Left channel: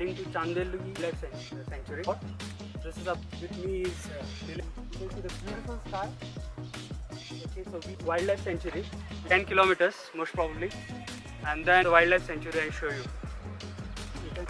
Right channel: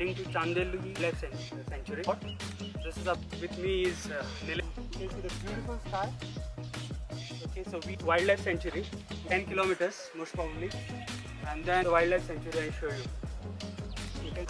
heading to Chandeli Wildlife Sanctuary. This is up with me is Lily. You can see the beautiful sky. Okay, so wildlife sanctuary, 10 kilometers most probably, and then the wildlife sanctuary I show you. You can